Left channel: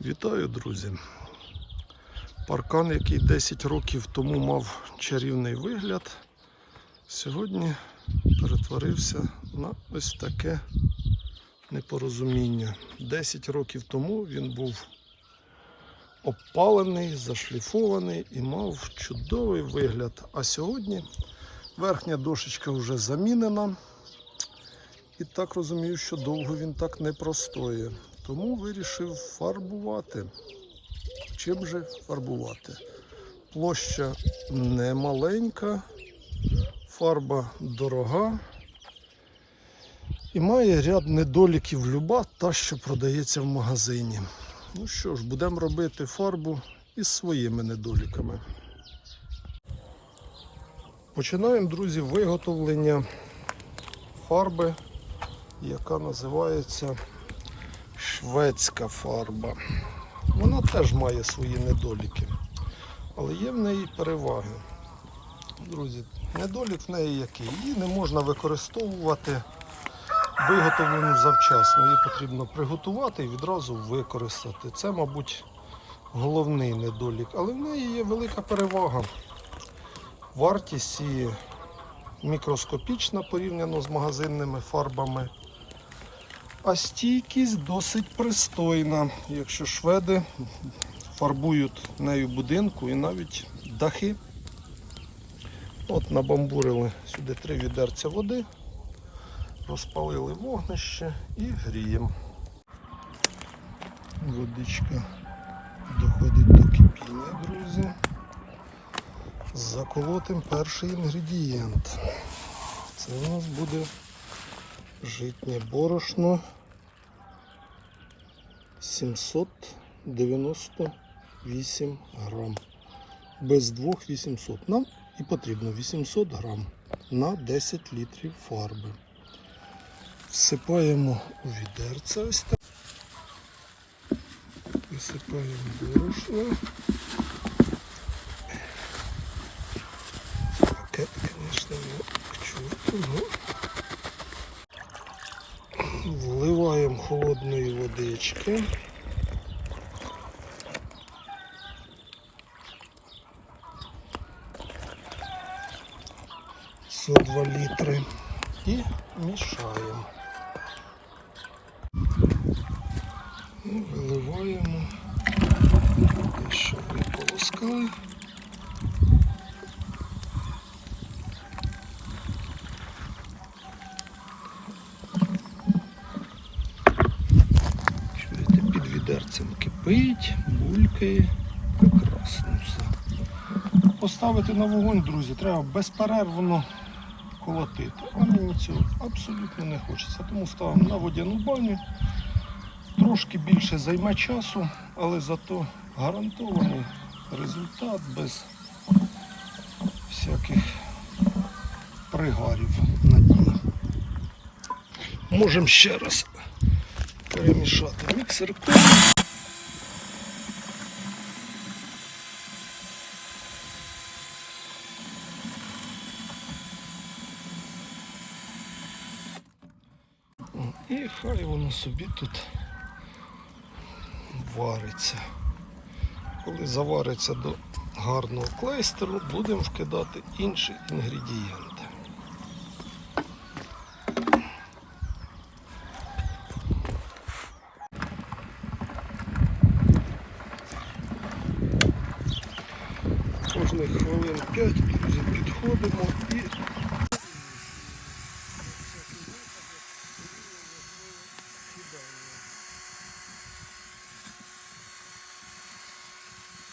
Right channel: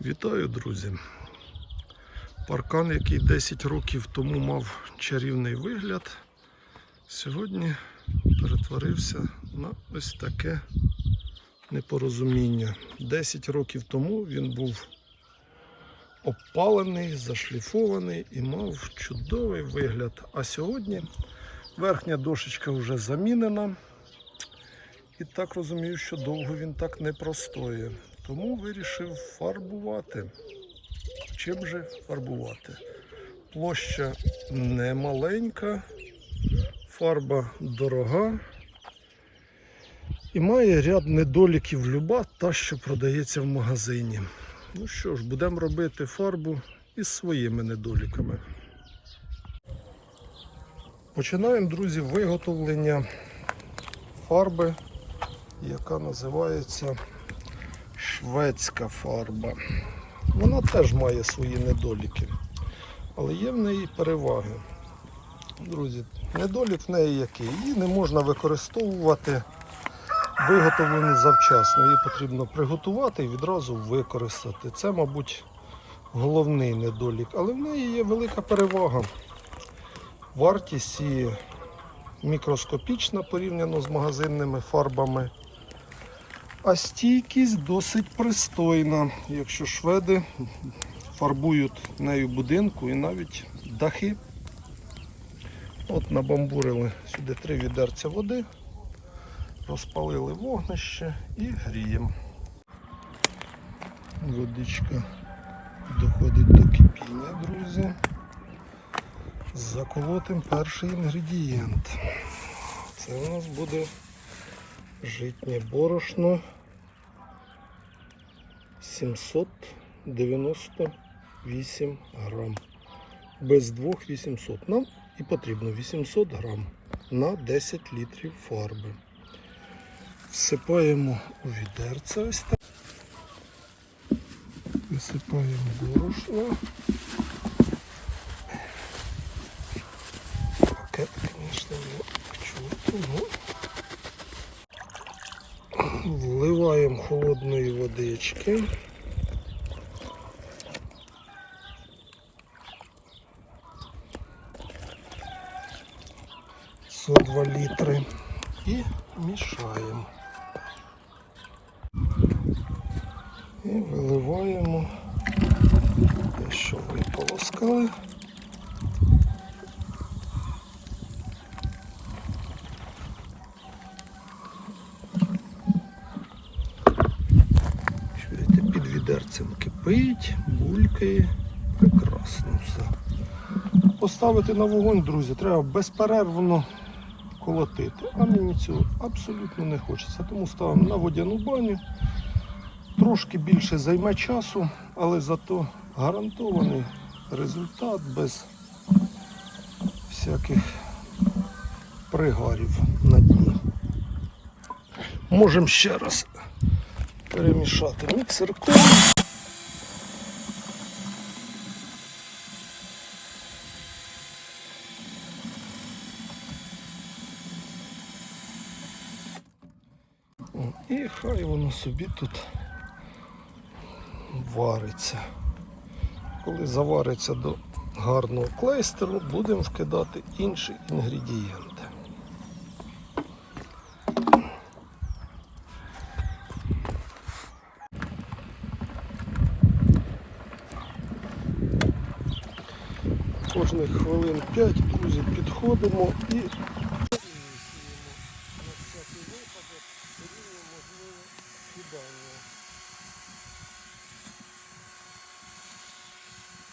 Вітаю, друзі! Паркан, який 10 років тому мав чарівний вигляд, сьогодні перетворився на ось таке непорозуміння. 10 років тому він був обпалений, зашліфований і мав чудовий вигляд. А сьогодні верхня дошечка вже замінена. І так розумію, що довго він так не простоє. Тому вирішив фарбувати. Чим же фарбувати? Площа не маленька, фарба дорога і має ряд недоліків люба, та, що продається в магазині. Ну що ж, будемо робити фарбу із своїми недоліками. Починаємо, друзі, виготовлення фарби, яка називається шведська фарба. Вона теж має свої недоліки, але є в неї переваги. Друзі, недолік в неї який? Її не можна використовувати виготовлену завчасно. Її потрібно приготувати і відразу використати. Це, мабуть, головний недолік. Але в неї є велика перевага. Вартість її мікроскопічна порівняно з магазинними фарбами. А стійкість досить пристойна, якщо шведи фарбують нею будинку і навіть дахи. От набамбурили сюди три відерця води, розпалили вогнище і гріємо. Водичка доходить до кипіння, друзі. Заколотим перший інгредієнт. Це у нас буде житнє борошно 798 грам. Без двох 800. Нам і потрібно 800 грам на 10 літрів фарби. Всипаємо у відерце ось так. Висипаємо борошно. Таке, звісно, не чути, ну. Вливаємо холодної водички. Со 2 літри і мішаємо. І виливаємо те, що ви полоскали. Відерцем кипить, булькає. Прекрасно все. Поставити на вогонь, друзі, треба безперервно колотити. А мені цього абсолютно не хочеться. Тому ставимо на водяну баню. Трошки більше займе часу, але зато гарантований результат без всяких пригарів на дні. Можемо ще раз перемішати міксерком. І хай воно собі тут вариться. Коли завариться до гарного клейстеру, будемо вкидати інші інгредієнти. Кожних хвилин 5, друзі, підходимо і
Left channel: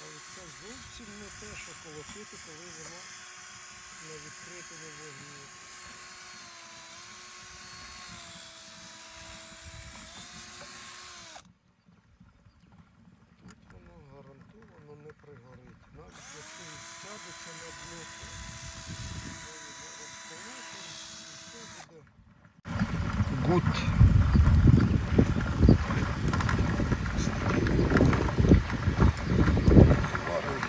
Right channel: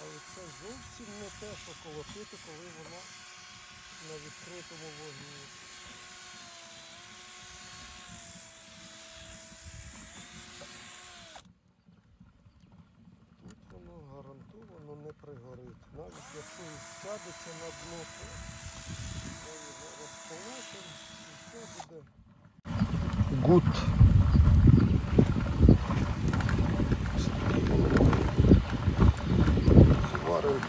Але це зовсім не те, що колотити, коли вона на відкритому вогні. Тут воно гарантовано не пригорить. Якщо сядеться на то ми його розположимо і все буде. Гуд. Зварив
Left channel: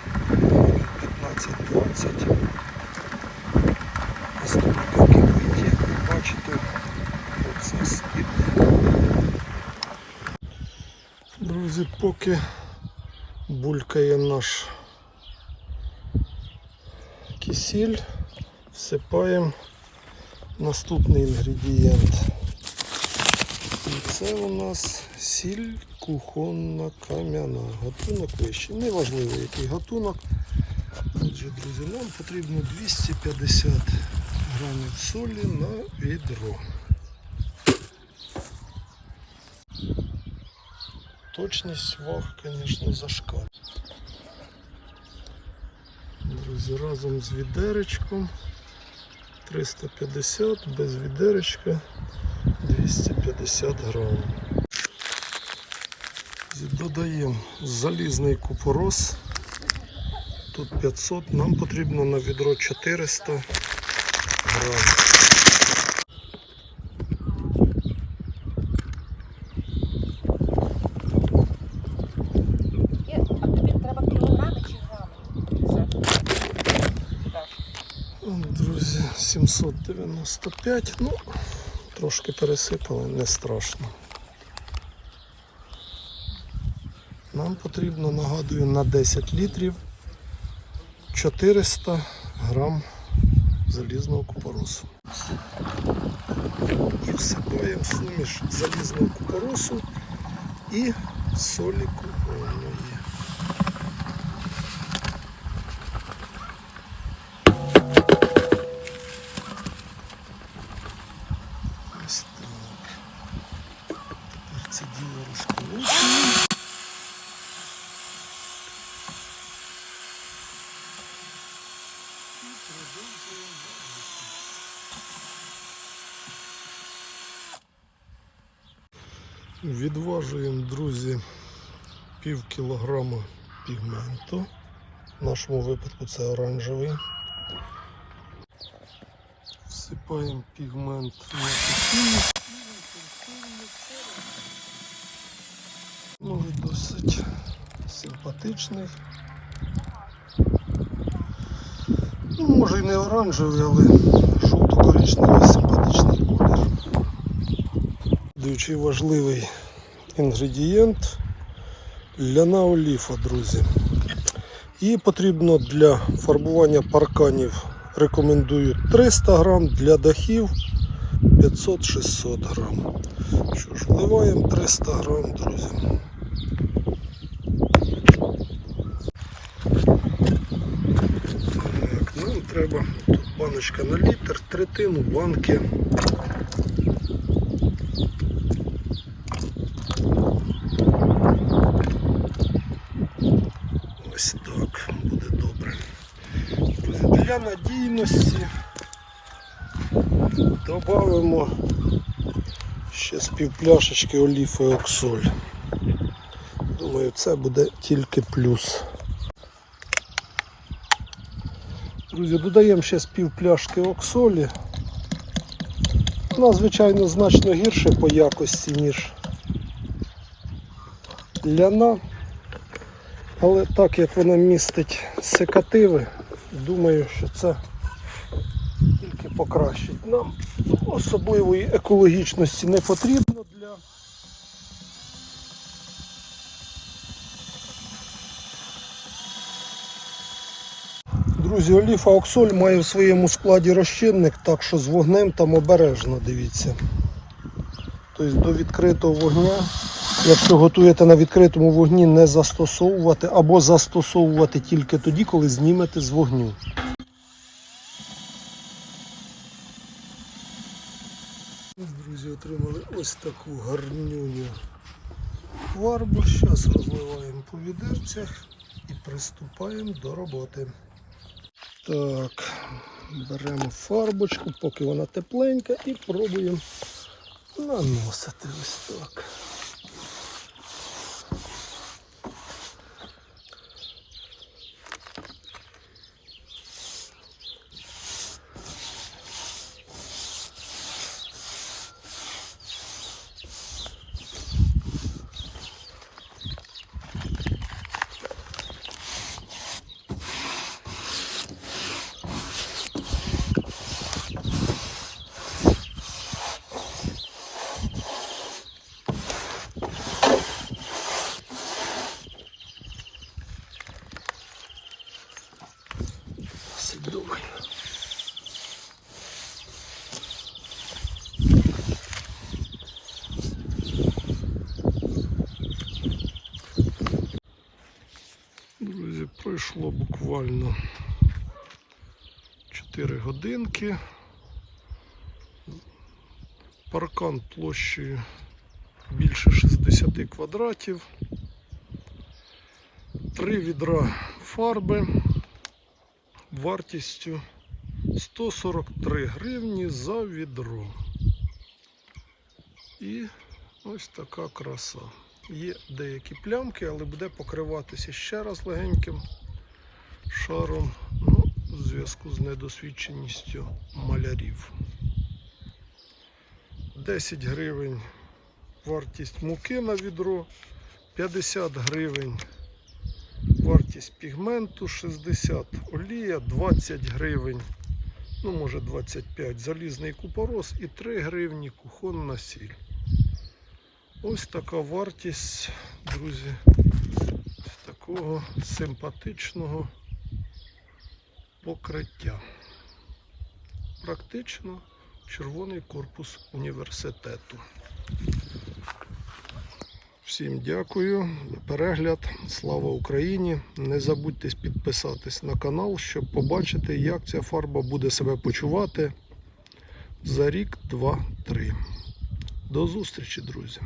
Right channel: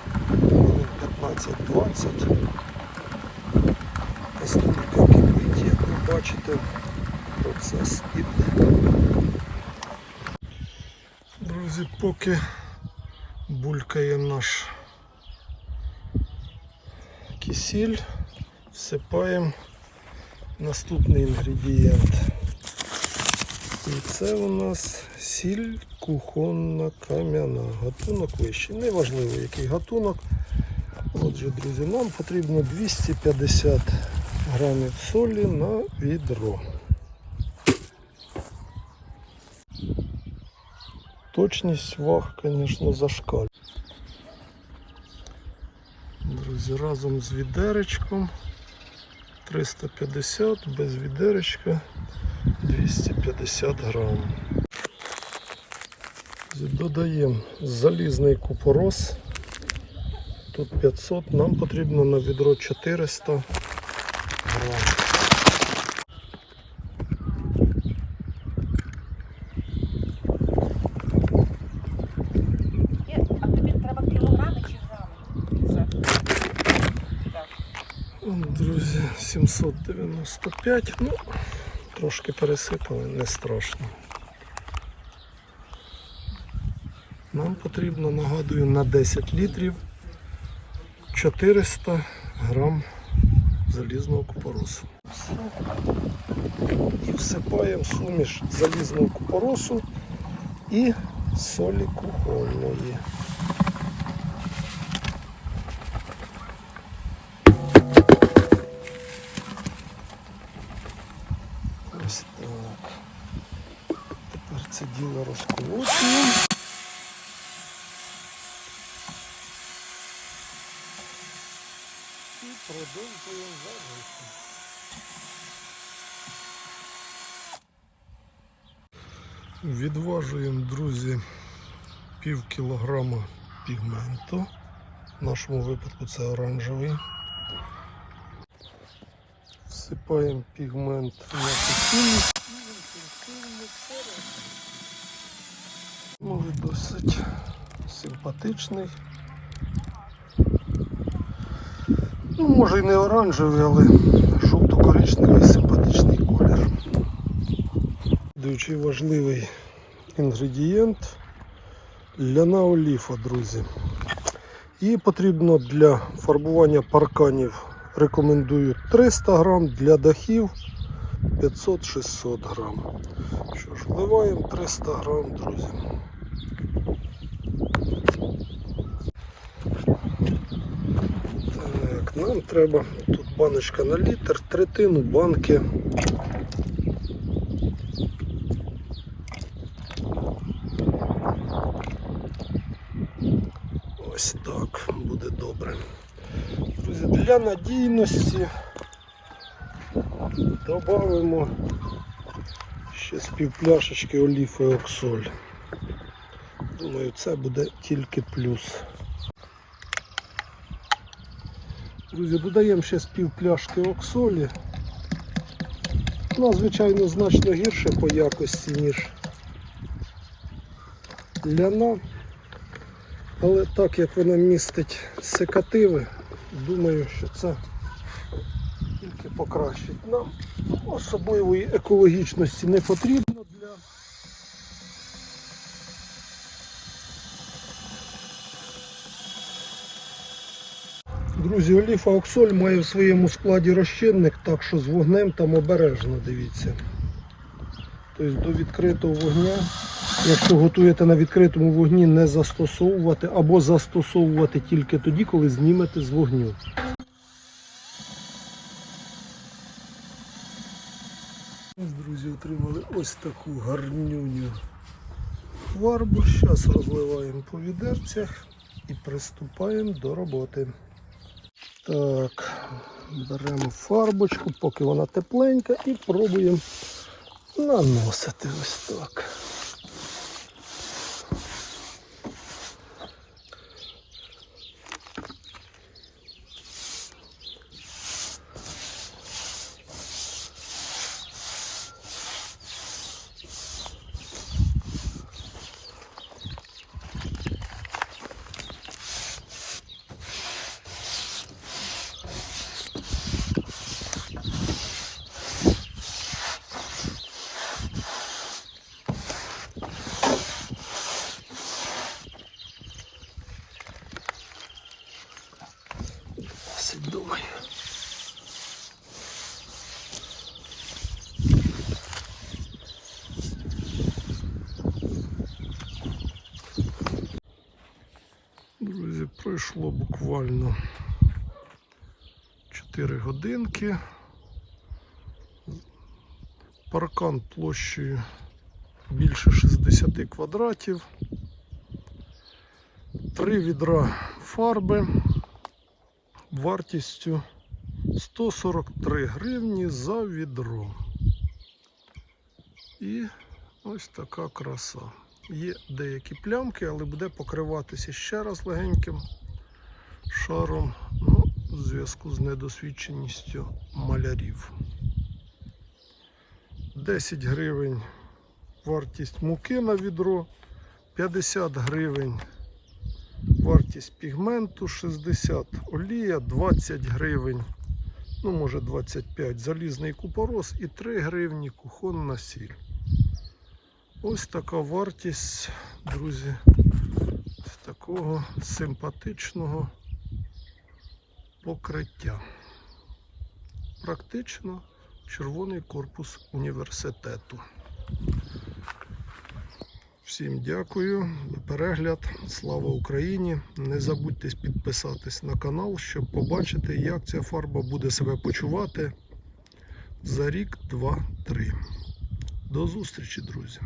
15-20. Настільки кипить, як ви бачите, процес іде. Друзі, поки булькає наш кисіль, всипаємо наступний інгредієнт. І це у нас сіль кухонна кам'яна. Гатунок вищий. Неважливо який гатунок. Отже, друзі, нам потрібно 250 грамів солі на відро. Точність ваг, звісно, зашкалює. Друзі, разом з відеречком 350, без відеречка 250 грам. Додаємо залізний купорос. Тут 500, нам потрібно на відро 400 грам. Є, а тобі треба кілограми чи грами? Друзі, 795, ну, трошки пересипали, не страшно. Нам потрібно, нагадую, на 10 літрів 400 грам залізного купоросу. Всипаємо суміш залізного купоросу і солі кухонної. Діло розколочуємо. І продовжуємо варити. Відважуємо, друзі, пів кілограма пігменту. В нашому випадку це оранжевий. Всипаємо пігмент на кисіль. Він досить симпатичний. Ну, може і не оранжевий, але жовто-коричневий симпатичний колір. Дуже важливий інгредієнт ляна оліфа, друзі. Її потрібно для фарбування парканів. Рекомендую 300 грам, для дахів 500-600 грам. Що ж, вливаємо 300 грам, друзі. Так, нам треба тут баночка на літр, третину банки. Ось так буде добре. Друзі, для надійності додамо ще з півпляшечки оліфи оксоль. Думаю, це буде тільки плюс. Друзі, додаємо ще з півпляшки оксолі. Вона, звичайно, значно гірше по якості, ніж ляна. Але так як вона містить секативи, думаю, що це тільки покращить. Нам особливої екологічності не потрібно для Друзі, оліфа оксоль має в своєму складі розчинник, так що з вогнем там обережно дивіться. Тобто до відкритого вогня, якщо готуєте на відкритому вогні, не застосовувати або застосовувати тільки тоді, коли знімете з вогню. Друзі, отримали ось таку гарнюню фарбу. Зараз розливаємо по відерцях і приступаємо до роботи. Так, беремо фарбочку, поки вона тепленька, і пробуємо наносити ось так. Пройшло буквально 4 годинки. Паркан площею більше 60 квадратів. Три відра фарби вартістю 143 гривні за відро. І ось така краса. Є деякі плямки, але буде покриватися ще раз легеньким шаром. Ну, в зв'язку з недосвідченістю малярів. 10 гривень вартість муки на відро, 50 гривень вартість пігменту, 60 олія, 20 гривень, ну може 25 залізний купорос і 3 гривні кухонна сіль. Ось така вартість, друзі, з такого симпатичного покриття. Практично червоний корпус університету. Всім дякую за перегляд. Слава Україні! Не забудьте підписатись на канал, щоб побачити, як ця фарба буде себе почувати за рік, два, три. До зустрічі, друзі!